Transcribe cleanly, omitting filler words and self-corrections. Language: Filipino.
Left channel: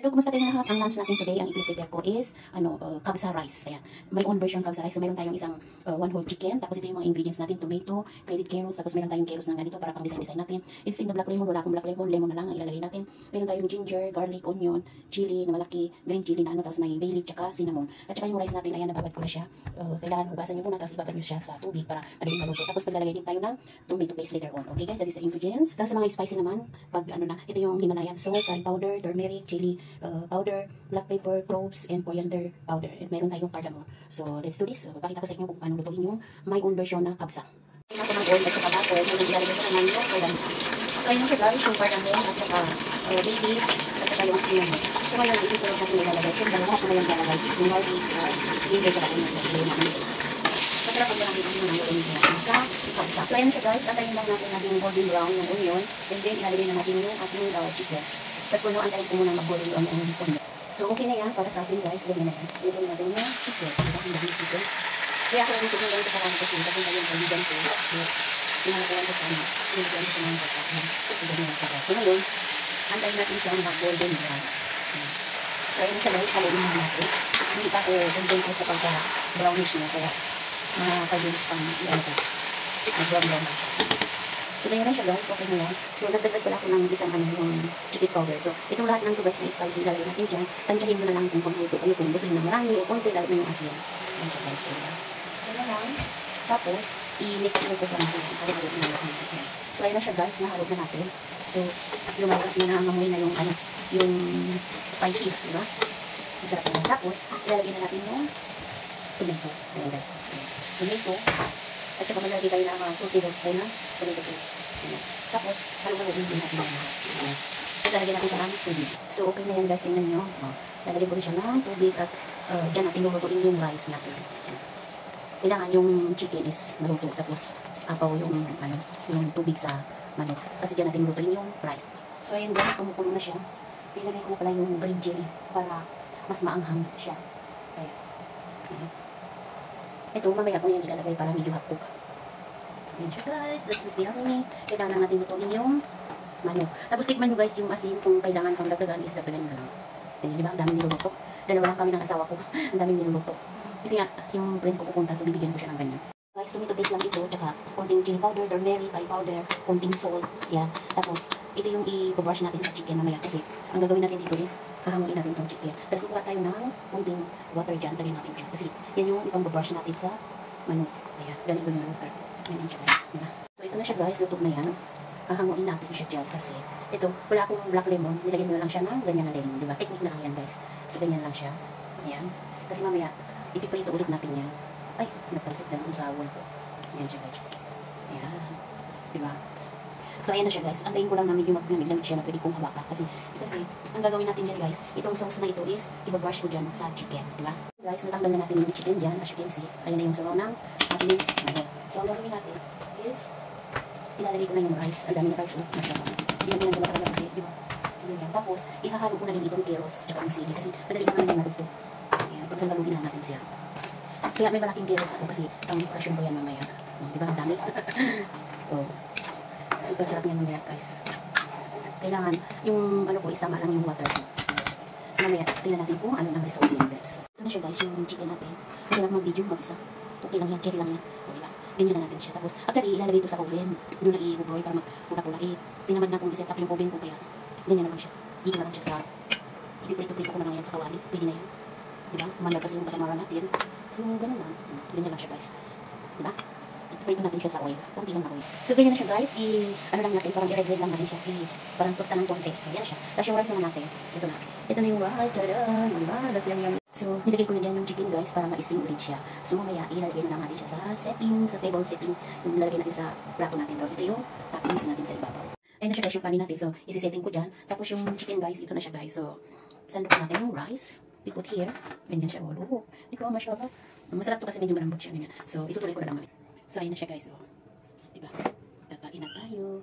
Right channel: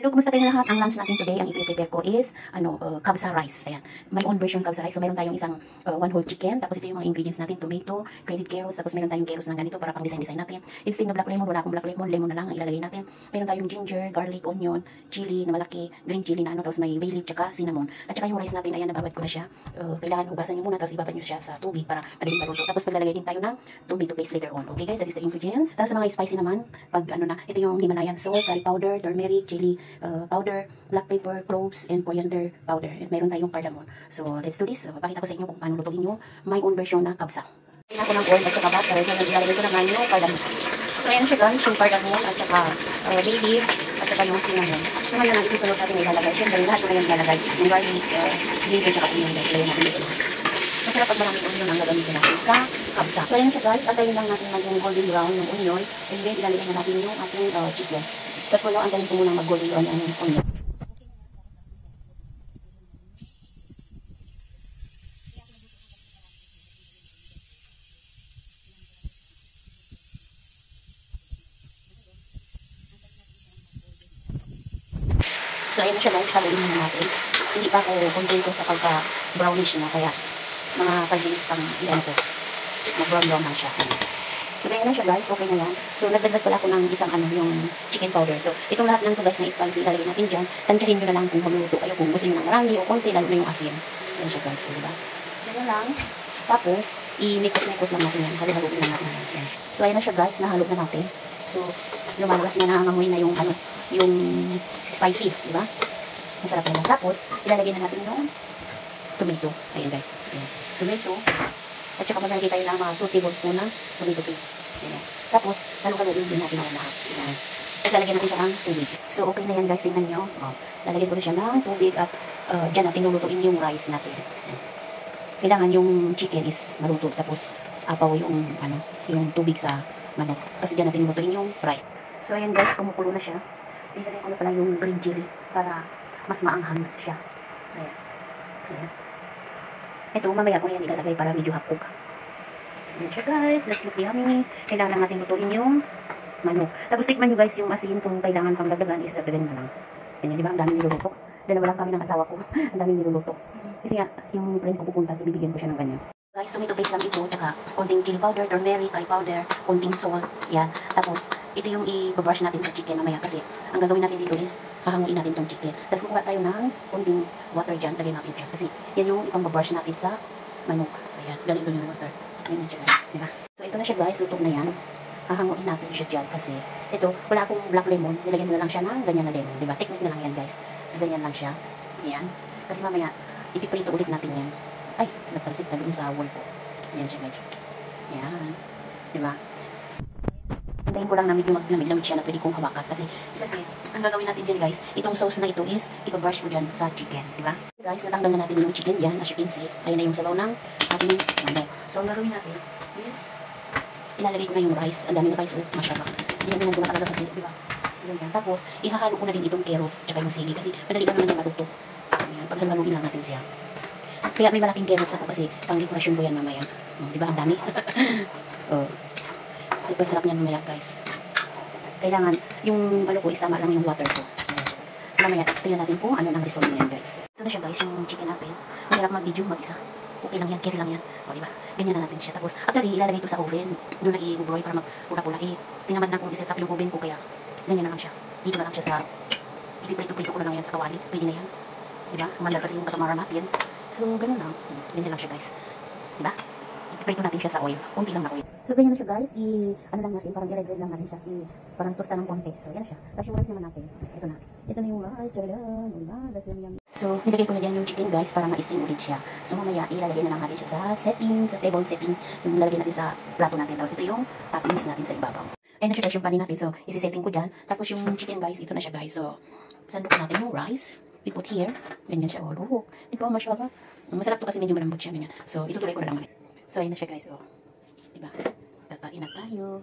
Hello, kumusta tayong lahat? Ang lunch natin today, ang i-prepare ko is, kabsa rice. Ayan. My own version kabsa rice. So, meron tayong isang one whole chicken. Tapos ito yung mga ingredients natin, tomato, grated carrots. Tapos meron tayong carrots na ganito para pang design natin. Instead na black lemon, wala akong black lemon, lemon na lang ang ilalagay natin. Meron tayong ginger, garlic, onion, chili na malaki, green chili na tapos may bay leaf, tsaka cinnamon. At tsaka yung rice natin, ayan, nababad ko na siya. Kailangan hugasan nyo muna, tapos ibabad nyo siya sa tubig para madaling maluto. Tapos paglalagay din tayo ng tomato paste later on. Okay guys, that is the ingredients. Tapos sa mga spicy naman, pag ito yung Himalayan salt, curry powder, turmeric, chili powder, black pepper, cloves, and coriander powder. And meron tayong cardamom. So, let's do this. Pakita ko sa inyo kung paano lutuin yung my own version na kabsa. Kailangan ko ng oil at saka butter. Ngayon, ilalagay ko naman yung cardamom. So, ayan siya guys, yung cardamom at saka bay leaves at saka yung cinnamon. So, ngayon natin ito natin ilalagay. Siyempre, lahat na yung ilalagay. Yung garlic, ginger, at saka cinnamon. Ilalagay natin ito. Masarap pag marami ito yung gagamitin natin sa kabsa. So, ayan siya guys. Antayin lang natin yung golden brown yung onion. And then, ilalagay na natin yung ating chicken. So, puno, antayin ko muna mag-golden brown ang onion. So, okay na yan para sa atin guys. Lagyan natin. Lagyan natin yung chicken. Ang dami chicken. Kaya ako yung chicken ganito parang kasi. Kasi na yung kaligan ko. Pinalagalan ko sana. Pinalagalan ko sana. So, ngayon, antayin natin siya mag-golden brown. So, ayan na siya guys. Haluin na natin. Hindi pa tayo golden ko sa pagka-brownish na. Kaya, mga 5 minutes pang iyan ko. Mag-brown na siya. So, ganyan na siya guys, okay na yan. So, nagdagdag pala ako ng isang yung chicken powder. So, itong lahat ng to guys na spicy, ilalagay natin dyan. Tansyahin nyo na lang kung lumuluto kayo, kung gusto nyo ng marami o konti, lalo na yung asin. Yan siya guys, diba? Yan lang. Tapos, i-mix-mix lang natin yan. Halo-halo lang natin yan. So, ayan na siya guys, nahalo na natin. So, lumagas na nangangamoy na yung yung spicy, diba? Masarap na yan. Tapos, ilalagay na natin yung tomato. Ayan guys. Ayan. Tomato. At saka malalagay tayo ng mga 2 tablespoon ng tomato paste. Ayan. Tapos, halukan din natin yan lahat. Ayan. At lalagyan natin siya ng tubig. So, okay na yan guys. Tingnan nyo. Lalagyan ko na siya ng tubig at dyan natin lulutuin yung rice natin. Kailangan yung chicken is maluto. Tapos, apaw yung, yung tubig sa manok. Kasi dyan natin lulutuin yung rice. So, ayan guys. Kumukulo na siya. Ilagay ko na pala yung green chili para mas maanghang siya. Ayan. Ayan. Ito, mamaya ko yan ilalagay para medyo hapog. Ayan siya guys, let's look yummy. Kailangan lang natin lutuin yung manok. Tapos tikman nyo guys yung asin, kung kailangan pang dagdagan is dagdagan na lang. Ayan, di ba? Ang daming niluluto. Dalawa lang kami ng asawa ko. Ang daming niluluto. Kasi nga, yung friend ko pupunta, so bibigyan ko siya ng ganyan. Guys, tomato paste lang ito, tsaka konting chili powder, turmeric, curry powder, konting salt. Yan. Tapos, ito yung i-brush natin sa chicken mamaya kasi ang gagawin natin dito is hahanguin natin itong chicken. Tapos kukuha tayo ng konting water dyan, lagyan natin dyan. Kasi yan yung ipang-brush natin sa manok. Ayan, ganito yung water. Yan siya guys, diba? So ito na siya guys, luto na yan. Hahanguin natin siya dyan kasi ito, wala akong black lemon, nilagyan mo na lang siya ng ganyan na lemon, diba? Technique na lang yan guys. So ganyan lang siya. Ayan. Kasi mamaya, ipiprito ulit natin yan. Ay, nagtalsik na dun sa wall ko. Ayan siya guys. Ayan. Diba? So, ayan na siya guys. Antayin ko lang na medyo maglamig siya na pwede kong hawakan. Kasi, ang gagawin natin dyan guys, itong sauce na ito is, ibabrush ko dyan sa chicken. Diba? Guys, natanggal na natin yung chicken dyan. As you can see, ayun na yung sabaw ng ating manok. So, ang gagawin natin is, ilalagay ko na yung rice. Ang dami na rice. Oh, masyaba. Ginaganan ko na talaga kasi, diba? So, ganyan. Tapos, ihahalo ko na din itong carrots tsaka yung sili. Kasi, madali ko naman yan matuto. Ayan. Paghaluin lang natin siya. Kaya may malaking carrots ako kasi pang dekorasyon ko yan mamaya. Diba? Ang dami. Oh. Super sarap niyan mamaya guys. Kailangan yung ko is tama lang yung water ko. So mamaya, tingnan natin kung ano ang result niyan guys. Ito na siya guys, yung chicken natin. Mahirap mag-video mag-isa. Okay lang yan, carry lang yan. O diba? Ganyan na natin siya. Tapos, actually, ilalagay ito sa oven. Doon na i-broil para mag-pula-pula. Tingnan na kung iset up yung oven ko kaya ganyan na lang siya. Dito na lang siya sa ipiprito-prito ko na lang yan sa kawali. Pwede na yan. Diba? Umandar kasi yung katamaran natin. So, ganyan lang. Ganyan lang siya guys. Diba? Iprito natin siya sa oil. Kunti lang na oil. So, ganyan na siya guys. Ano lang natin, parang i-regrade lang natin siya. Parang tosta ng konti. So, yan siya. Tapos yung rice naman natin. Ito na. Ito na yung rice. Tadaan. So, nilagay ko na dyan yung chicken guys para ma-steam ulit siya. So, mamaya, ilalagay na lang natin siya sa setting, sa table setting. Yung ilalagay natin sa plato natin. Tapos, ito yung toppings natin sa ibabaw. Ayan na siya guys yung kanin natin. So, isi-setting ko dyan. Tapos, yung chicken guys, ito na siya guys. So, sando ko natin yung rice. We put here. Ganyan siya. Oh, look. Ito, mashallah. Masarap to kasi medyo malambot siya. Ganyan. So, itutuloy ko na lang mamaya. So, ayan na siya guys. Oh. Diba? Tatakin na tayo.